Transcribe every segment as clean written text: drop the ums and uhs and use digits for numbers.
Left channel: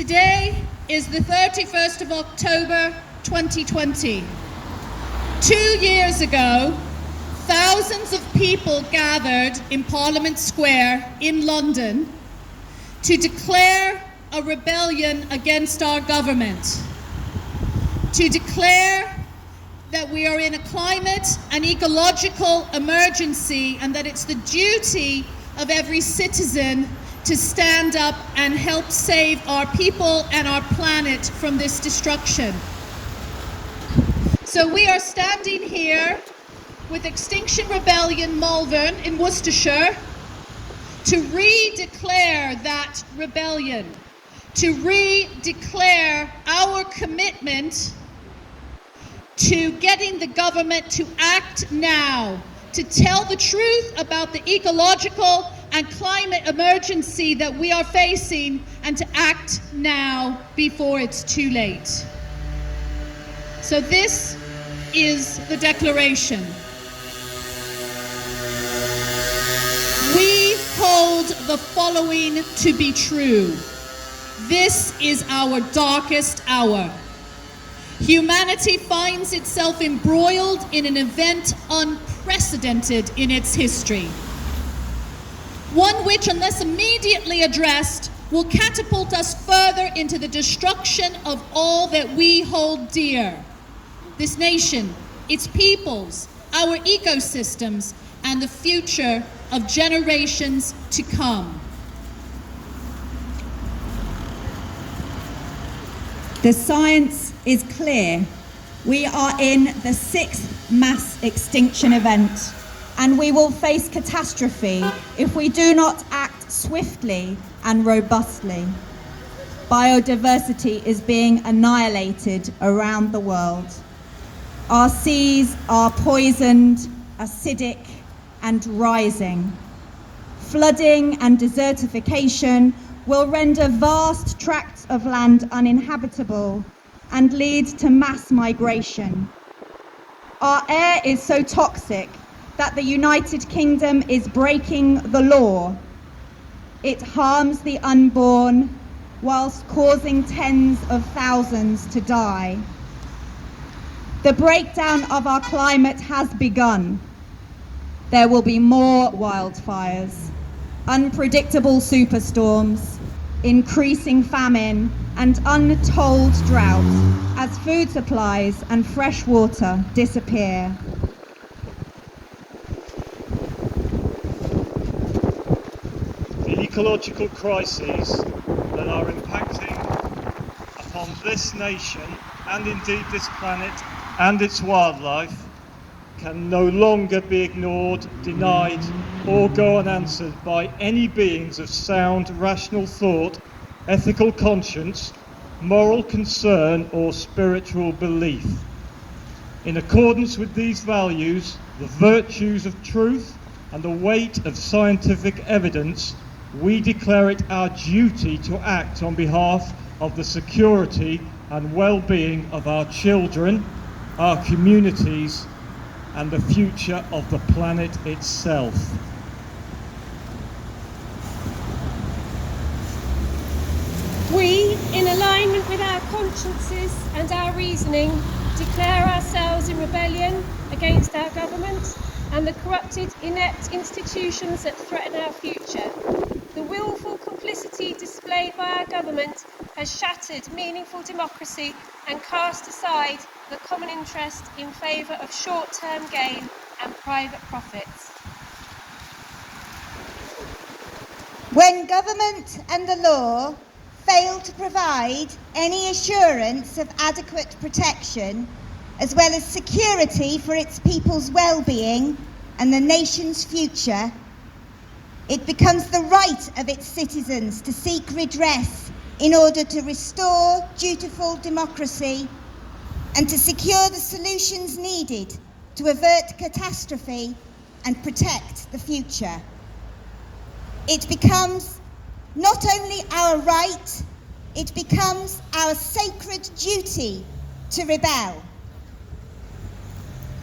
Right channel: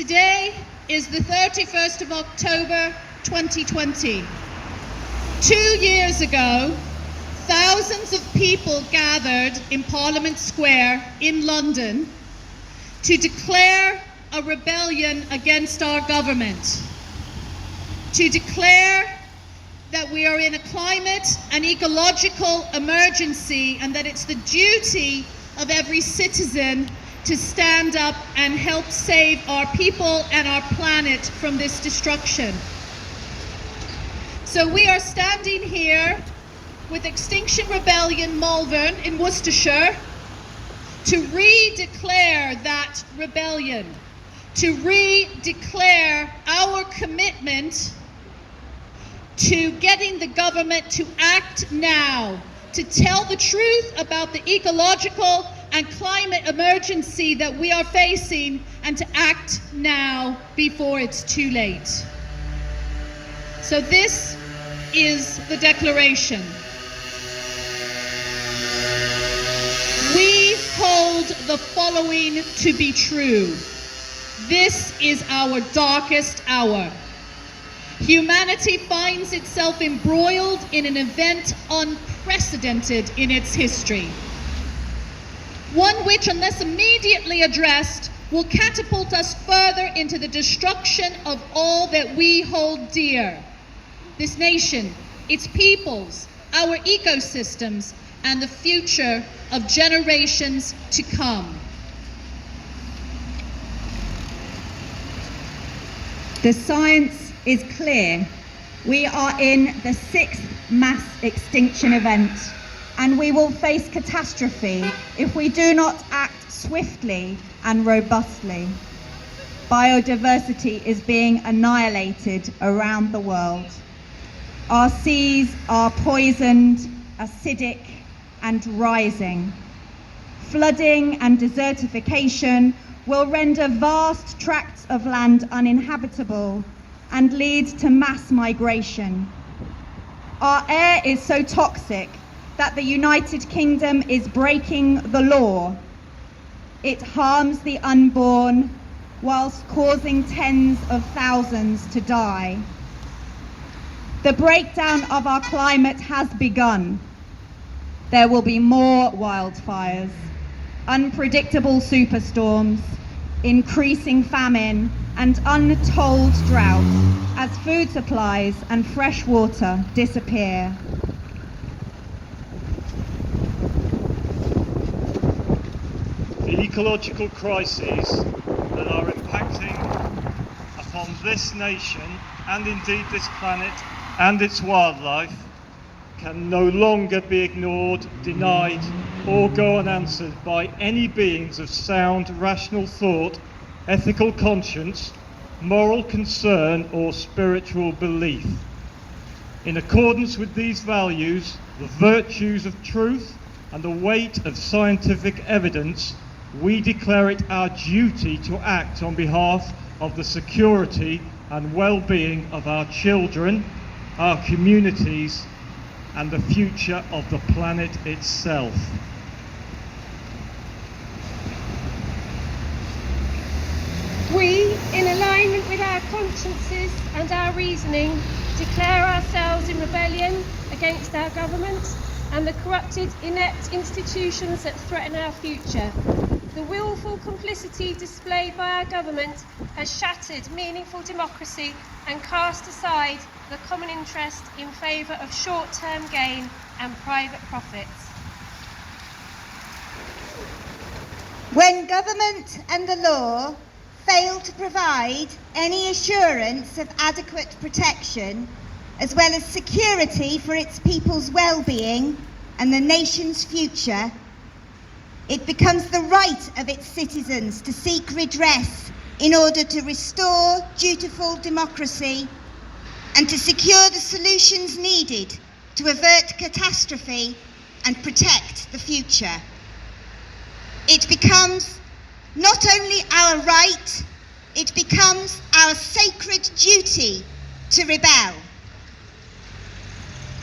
Today is the 31st of October 2020. 2 years ago, thousands of people gathered in Parliament Square in London to declare a rebellion against our government, to declare that we are in a climate and ecological emergency and that it's the duty of every citizen to stand up and help save our people and our planet from this destruction. So we are standing here with Extinction Rebellion Malvern in Worcestershire to re-declare that rebellion, to re-declare our commitment to getting the government to act now, to tell the truth about the ecological and climate emergency that we are facing, and to act now before it's too late. So this is the declaration. We hold the following to be true. This is our darkest hour. Humanity finds itself embroiled in an event unprecedented in its history. One which, unless immediately addressed, will catapult us further into the destruction of all that we hold dear. This nation, its peoples, our ecosystems, and the future of generations to come. The science is clear. We are in the 6th mass extinction event, and we will face catastrophe if we do not act swiftly and robustly. Biodiversity is being annihilated around the world. Our seas are poisoned, acidic, and rising. Flooding and desertification will render vast tracts of land uninhabitable and lead to mass migration. Our air is so toxic that the United Kingdom is breaking the law. It harms the unborn whilst causing tens of thousands to die. The breakdown of our climate has begun. There will be more wildfires, unpredictable superstorms, increasing famine, and untold drought as food supplies and fresh water disappear. The ecological crises that are impacting upon this nation and indeed this planet and its wildlife can no longer be ignored, denied, or go unanswered by any beings of sound, rational thought, ethical conscience, moral concern, or spiritual belief. In accordance with these values, the virtues of truth, and the weight of scientific evidence, we declare it our duty to act on behalf of the security and well-being of our children, our communities, and the future of the planet itself. We, in alignment with our consciences and our reasoning, declare ourselves in rebellion against our government and the corrupted, inept institutions that threaten our future. The willful complicity displayed by our government has shattered meaningful democracy and cast aside the common interest in favour of short-term gain and private profits. When government and the law fail to provide any assurance of adequate protection, as well as security for its people's well-being and the nation's future, it becomes the right of its citizens to seek redress in order to restore dutiful democracy and to secure the solutions needed to avert catastrophe and protect the future. It becomes not only our right, it becomes our sacred duty to rebel.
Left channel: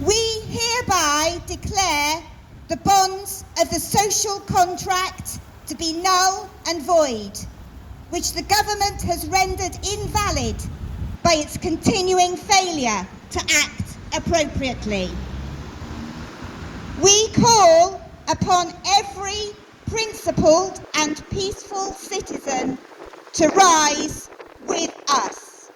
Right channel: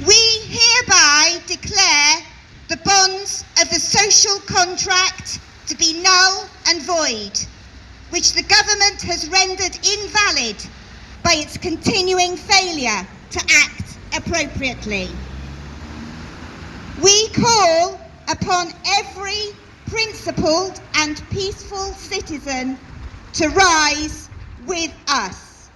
We hereby declare the bonds of the social contract to be null and void. which the government has rendered invalid by its continuing failure to act appropriately. We call upon every principled and peaceful citizen to rise with us.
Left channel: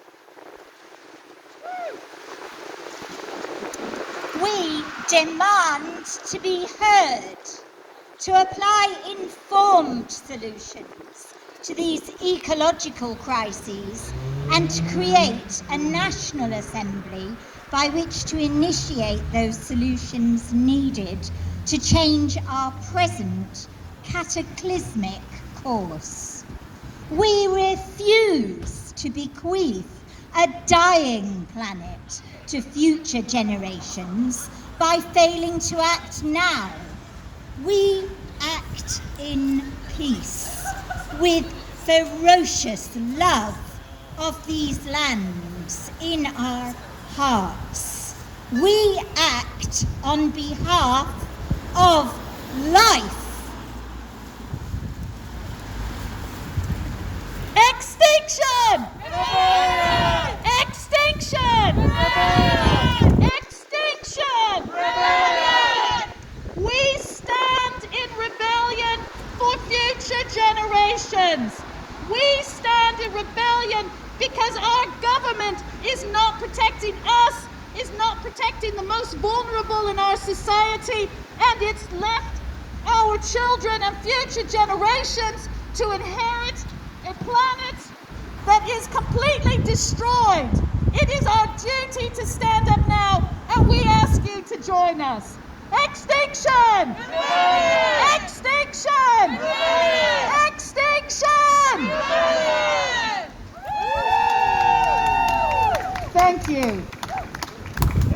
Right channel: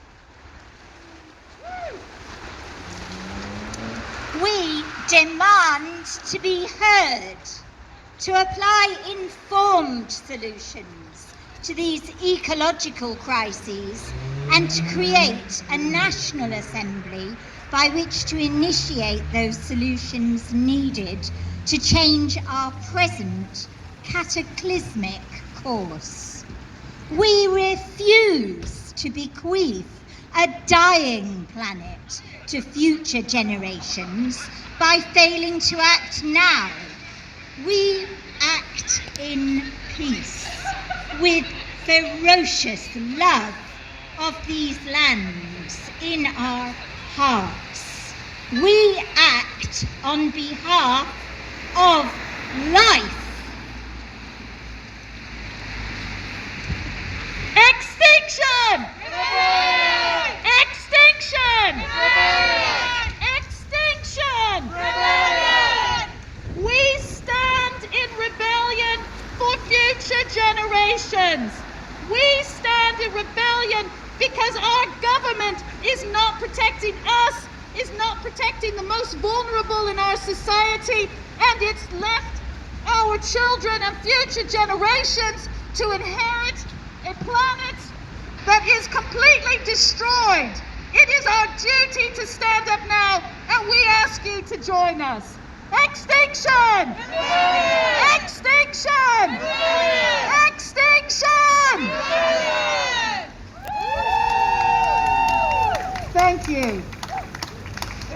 We demand to be heard, to apply informed solutions to these ecological crises, and to create a national assembly by which to initiate those solutions needed to change our present cataclysmic course. We refuse to bequeath a dying planet to future generations by failing to act now. We act in peace, with ferocious love of these lands in our hearts. We act on behalf of life. Extinction! Rebellion! Extinction! Rebellion! Extinction! Rebellion! We stand in rebellion for future generations. We stand in rebellion because our government is not protecting us, is not protecting the most vulnerable in our society, and it's left our children and future generations to inherit a planet that is completely destroyed. It is our duty to stand up now, and we ask you to join us. Extinction! Rebellion! Extinction! Rebellion! Extinction! Rebellion! Thank you.